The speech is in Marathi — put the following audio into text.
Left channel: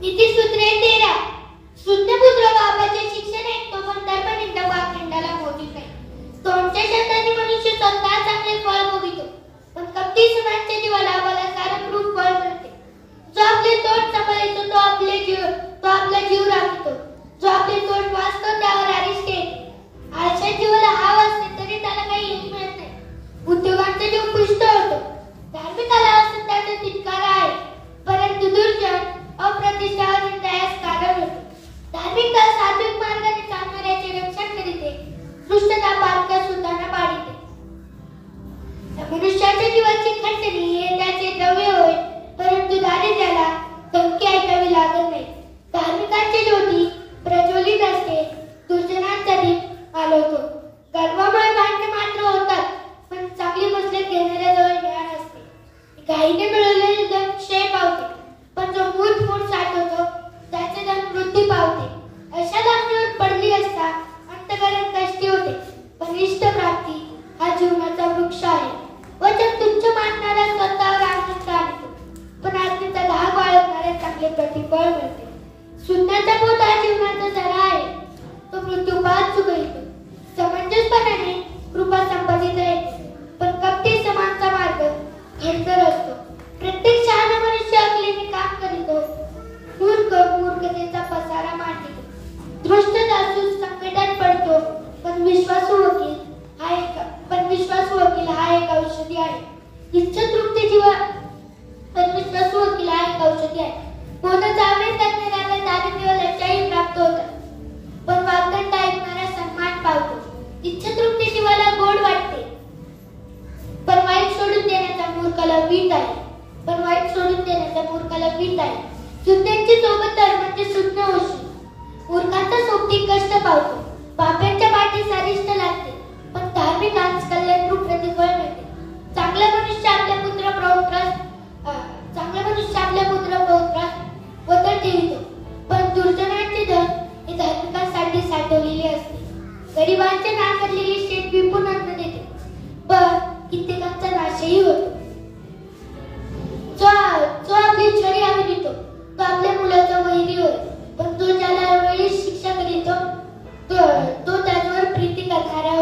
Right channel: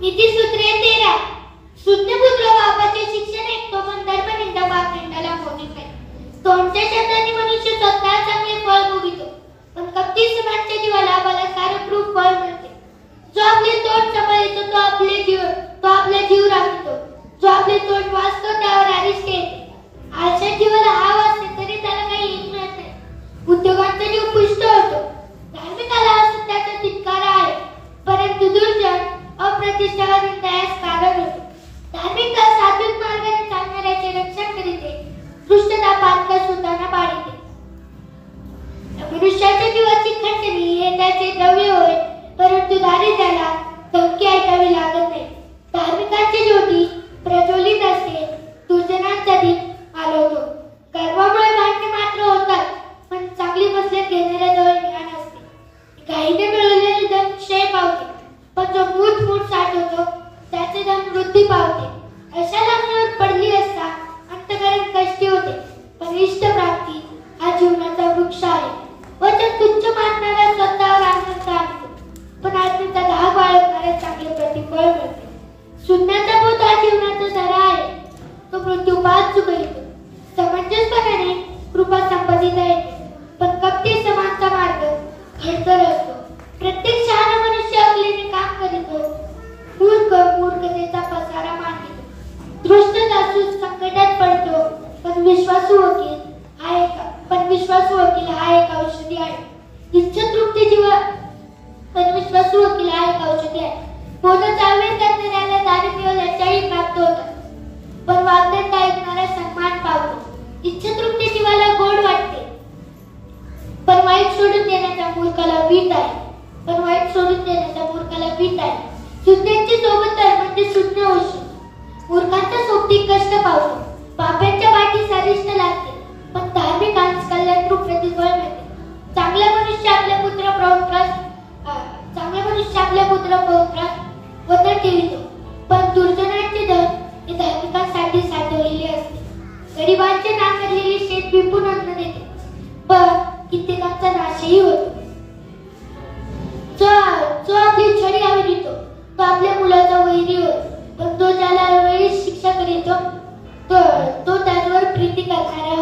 नीतिसूत्रे 13. शून्यपुत्र बापाचे शिक्षण ऐकतो पण धर्मनिंदा बापनिंदाला मोजीत नाही. तोंडच्या शब्दांनी मनुष्य स्वतः चांगले फळ भोगितो पण कपटी सुनांच्या जीवाला बलात्कारक रूप फळ मिळते. जो आपले तोंड सांभाळतो तो आपला जीव राखतो. जो आपले तोंड वाचतो त्यावर अरिष्ट येते. आळशा जीवाला हाव असते तरी त्याला काही यश मिळत नाही. उद्योगांचा जीव पुष्ट होतो. धार्मिकाला असतो त्याचा तिटकारा आहे परंतु दुर्जन अप्रतिष्ठावरून त्यास कारण होते. धार्मिकता सात्विक मार्गाने चालणाऱ्याचे रक्षण करीते. दुष्टता पातक सुतांना पाडिते. मनुष्याच्या जीवाची खंडणी हे त्याचे द्रव्य होय परंतु दारिद्र्याला धमकी ऐकावी लागत नाही. धार्मिकांची ज्योती प्रज्वलित असते. दुर्जनांचा दीप आलवतो. गर्वामुळे भांडणे मात्र होतात पण चांगली मसलत घेणाऱ्याजवळ ज्ञान असते. घाईने मिळवलेले धन क्षय पावते पण जो मूठ साठवतो त्याचे धन वृद्धी पावते. अशा लांबणीवर पडली असता अंतःकरण कष्टी होते पण इष्ट प्राप्ती हा जीवनाचा वृक्ष आहे. वचन तुच्छ मानणारा स्वतःवर आनंद आणतो पण आत्मीचा धाक बाळगणाऱ्या चांगले प्रतिफळ मिळते. शून्याचा बोध हा जीवनाचा झरा आहे. तो मृत्यूपात चुकवितो. समंजसपणाने कृपा संपादिता येते पण कपटी समानचा मार्ग खडतर असतो. प्रत्येक शहाणा मनुष्य अकलीने काम करीतो. मूर्खतेचा पसारा मांडतो. दृष्ट जासूस संकटात पडतो पण विश्वासू वकील हा एक औषधी आहे. इच्छा तृप्ती जीवन पण विश्वासू वकील हा एक औषधी आहे. बोलचा आवेश करणाऱ्याला दारिद्र्य व लज्जाही प्राप्त होतात पण वागदंड ऐकणारा सन्मान पावतो. इच्छा तृप्ती जीवाला गोड वाटते पण वाईट सोडून देण्याचा मूर्खाला वीट आहे. शून्याची सोबत तर म्हणजे शून्य होशी. मूर्खांचा सोबती कष्ट पावतो. पाप्यांच्या पाठी सरिष्ठ लागते पण धार्मिकांस कल्याणरूप प्रतिफळ मिळते. चांगला मनुष्य आपल्या पुत्र पौत्रास वतर ठेवितो पण दुर्जनांचे धन हे धार्मिकांसाठी साठवलेले असते. गरिबांचे नाकारलेले शेत विपुल अन्न देते पण कित्येकांचा नाशही होतो. जो आपली छडी आवडीतो तो आपल्या मुलाचा वैरी होय पण तो ज्याला वेळी शिक्षा करीतो तो त्याच्यावर प्रीती करणारा